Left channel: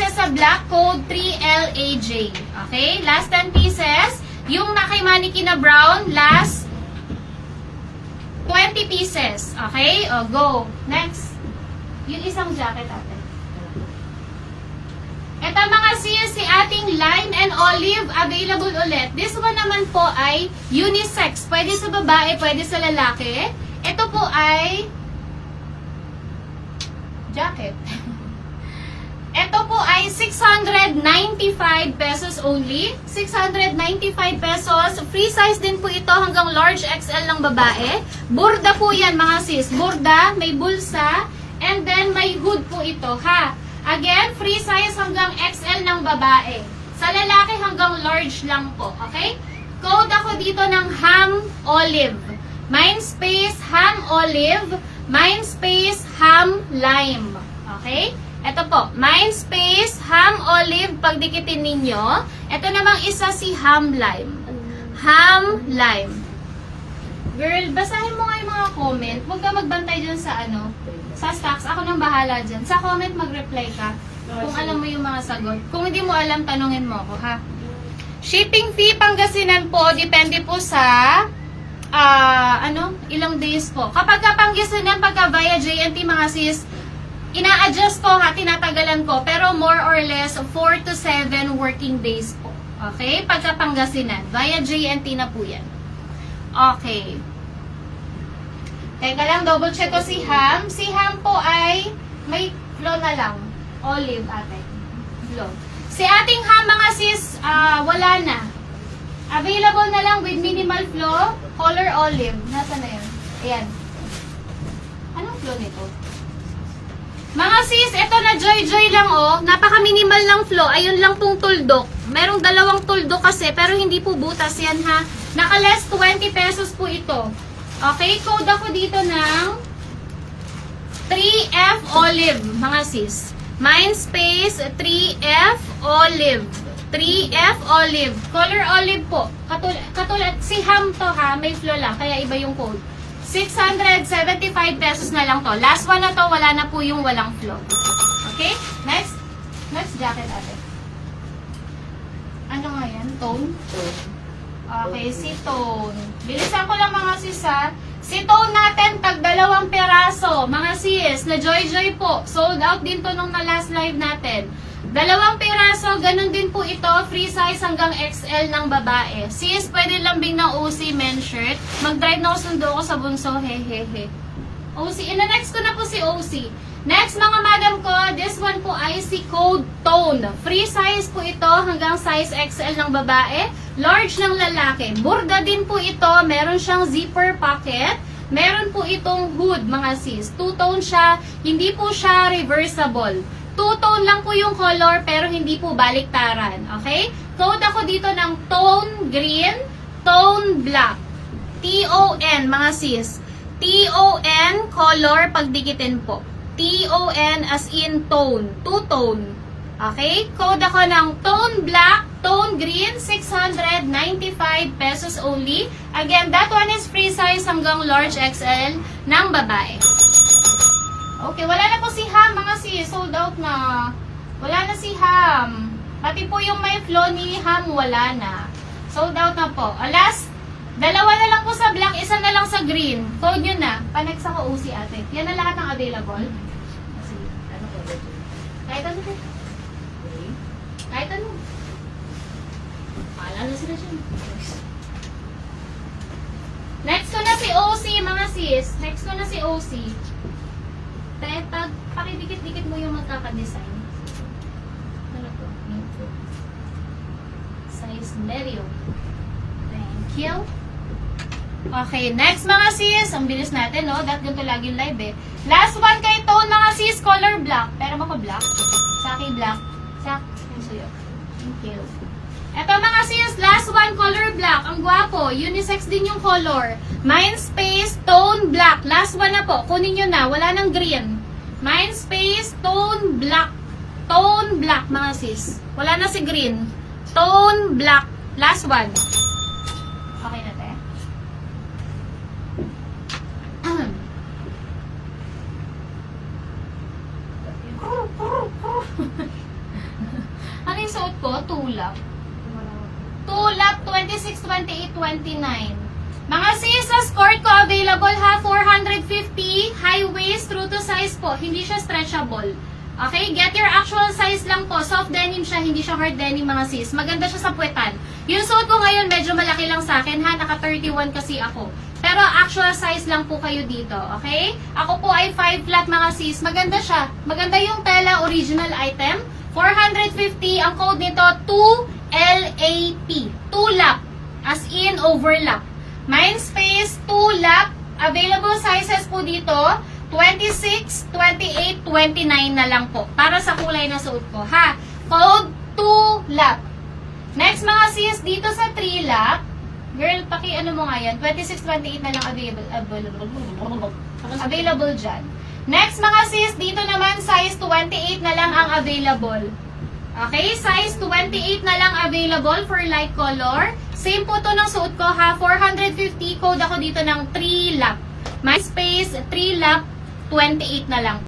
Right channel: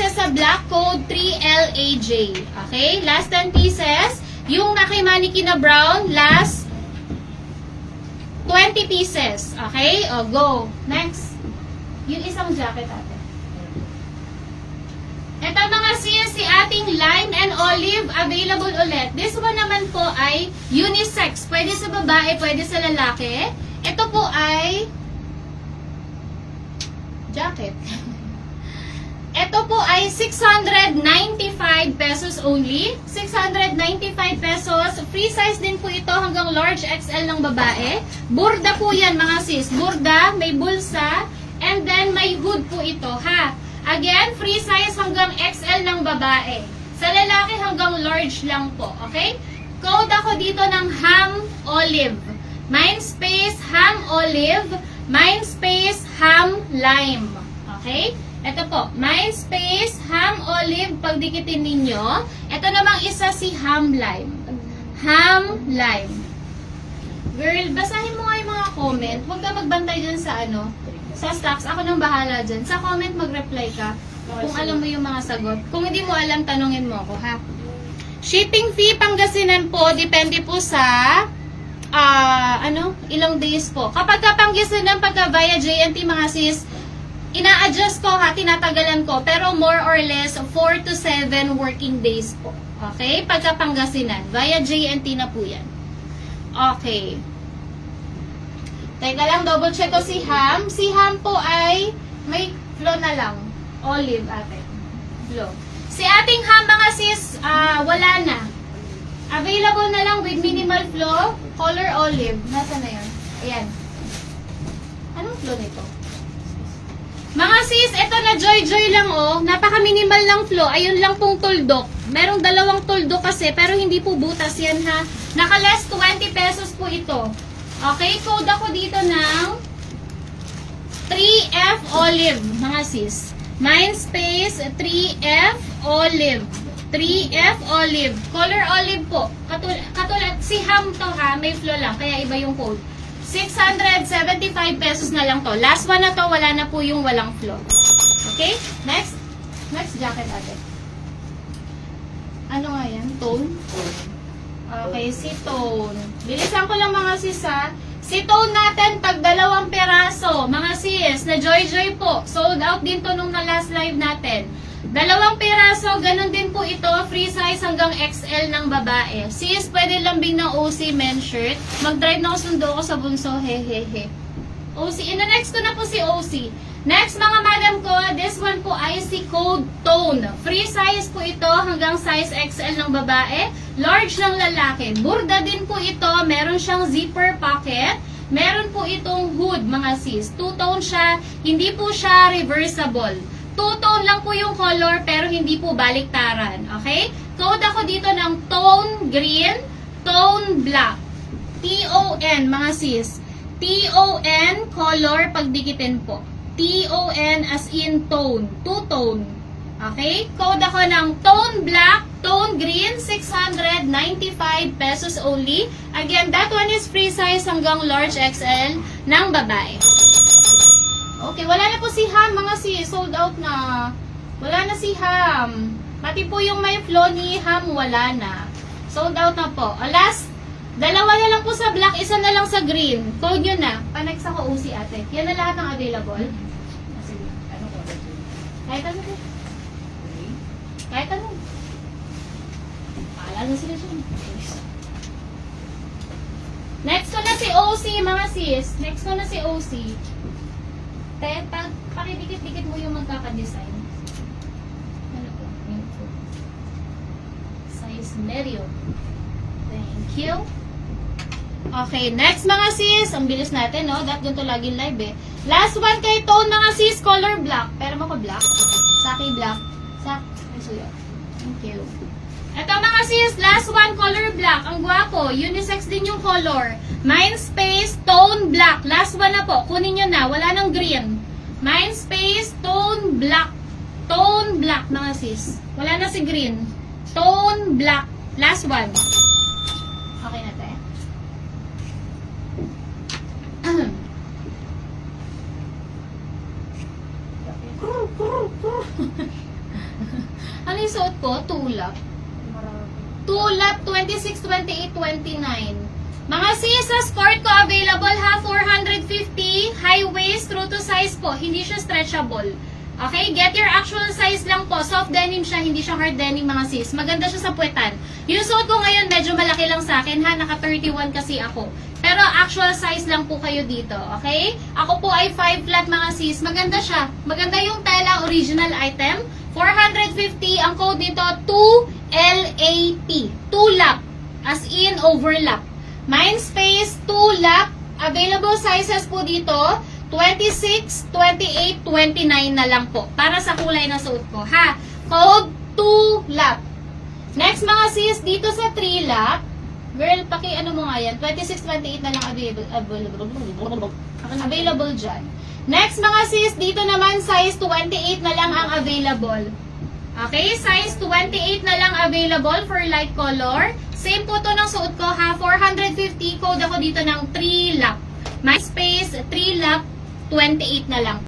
pieces sa black, code 3LAJ. Okay? Last 10 pieces. Yung na kay mannequin na brown, last 20 pieces. Okay? O, go. Next. Yung isang jacket, ate. Ito mga sis, si ating lime and olive available ulit. This one naman po ay unisex. Pwede sa babae, pwede sa lalaki. Ito po ay jacket. Ito po ay 695 pesos only. 695 pesos. Free size din po ito hanggang large XL ng babae. Burda po yan mga sis. Burda, may bulsa, and then may hood po ito ha. Again, free size hanggang XL ng babae. Sa lalaki hanggang large lang po. Okay? Code ako dito ng ham olive. Mindspace ham olive. Mindspace ham lime. Okay? Ito po. Mindspace ham olive. Pagdikitin ninyo. Ito namang isa si ham lime. Ham lime. Girl, basahin mo nga yung mga comment. Huwag ka magbantay dyan sa ano. Sa stocks, ako nang bahala dyan. Sa comment, mag-reply ka kung alam mo yung mga sagot. Kung hindi mo alam, tanungin mo ako, ha? Shipping fee, Pangasinan po, depende po sa ilang days po. Kapag Pangasinan, pagka via JNT mga sis, ina-adjust ko ha, tinatagalan ko, pero more or less 4 to 7 working days po. Okay? Pagka Pangasinan, via JNT na po yan. Okay. Teka lang, double check ko si Ham. Si Ham po ay may flow na lang. Olive, ate. Flow. Si ating Ham, mga sis, wala na. Available na lang with minimal flow, color olive. Nasaan na yun? Ayan. Anong flow nito? Mga sis, ito na joy-joy lang oh. Napaka-minimal lang flow. Ayun lang pong tuldok. Merong dalawang tuldok kasi, pero hindi po butas yan ha. Naka-less 20 pesos po ito. Okay, code ako dito ng 3F Olive, mga sis. Mindspace 3F Olive. 3F Olive. Color olive po. Katulad, si Ham to ha, may flow lang, kaya iba yung code. 675 pesos na lang to. Last one na to, wala na po yung walang flow. Okay, next. Next jacket ate. Ano nga yan? Tone? Okay, si Tone. Bilisan ko lang mga sis ha. Si Tone natin, tag 2 peraso. Mga sis, na joy-joy po. Sold out din to nung na last live natin. 2 peraso, ganun din po ito. Free size hanggang XL ng babae. Sis, pwede lambing ng OC men shirt. Mag-drive na ako, sundo ko sa bunso. Hehehe. OC. Ina-next ko na po si OC. Next mga madam ko, this one po ay si Code Tone. Free size po ito hanggang size XL ng babae, large ng lalaki. Burda din po ito, meron siyang zipper pocket, meron po itong hood mga sis. Two-tone siya, hindi po siya reversible. Two-tone lang po yung color pero hindi po baliktaran. Okay? Code ako dito ng tone green, tone black. T-O-N mga sis. T-O-N color pagdikitin po. T-O-N as in tone. Two-tone. Okay? Code ako ng tone black, tone green, 695 pesos only. Again, that one is free size hanggang large XL ng babae. Okay, wala na po si Ham, mga sis. Sold out na. Wala na si Ham. Pati po yung may flow ni Ham, wala na. Sold out na po. Last, 2 na lang po sa black, 1 na lang sa green. Code nyo na. Panex ako OC ate. Yan na lahat ng available. Kahit ano. Kahit ano. Paalala na sila siya. Next ko na si OC, mga sis. Next ko na si OC. Pakidikit-dikit mo yung magkakadesign. Ano to? Size medium. Thank you. Okay, next mga sis. Ang bilis natin, no? That ganito lagi live, eh. Last one kay Tone, mga sis. Color black. Pero ako black. Saki black. Thank you. Ito mga sis, last one, color black. Ang gwapo. Unisex din yung color. Mindspace, tone black. Last one na po. Kunin nyo na. Wala nang green. Mindspace, tone black. Tone black, mga sis. Wala na si green. Tone black. Last one. Okay na, te? Ano yung suot ko? Tulap. Tulap, 26, 28, 29. Mga sis, sa skirt ko available ha, 450, high waist, true to size po. Hindi siya stretchable. Okay, get your actual size lang po. Soft denim siya, hindi siya hard denim mga sis. Maganda siya sa puwetan. Yung suot ko ngayon, medyo malaki lang sa akin ha. Naka 31 kasi ako. Pero actual size lang po kayo dito. Okay? Ako po ay 5 flat mga sis. Maganda siya. Maganda yung tela, original item. 450. Ang code nito, 2LAP. Tulap. As in, overlap. Mindspace, tulap. Available sizes po dito. 26, 28, 29 na lang po. Para sa kulay na suot ko, ha? Code 2LAP. Next mga sis, dito sa 3LAP, girl, ano mo nga yan, 26, 28 na lang available dyan. Next mga sis, dito naman size 28 na lang ang available. Okay, size 28 na lang available for light color. Same po to ng suot ko, ha? 450, code ako dito ng 3LAP. My space, 3LAP, 28 na lang.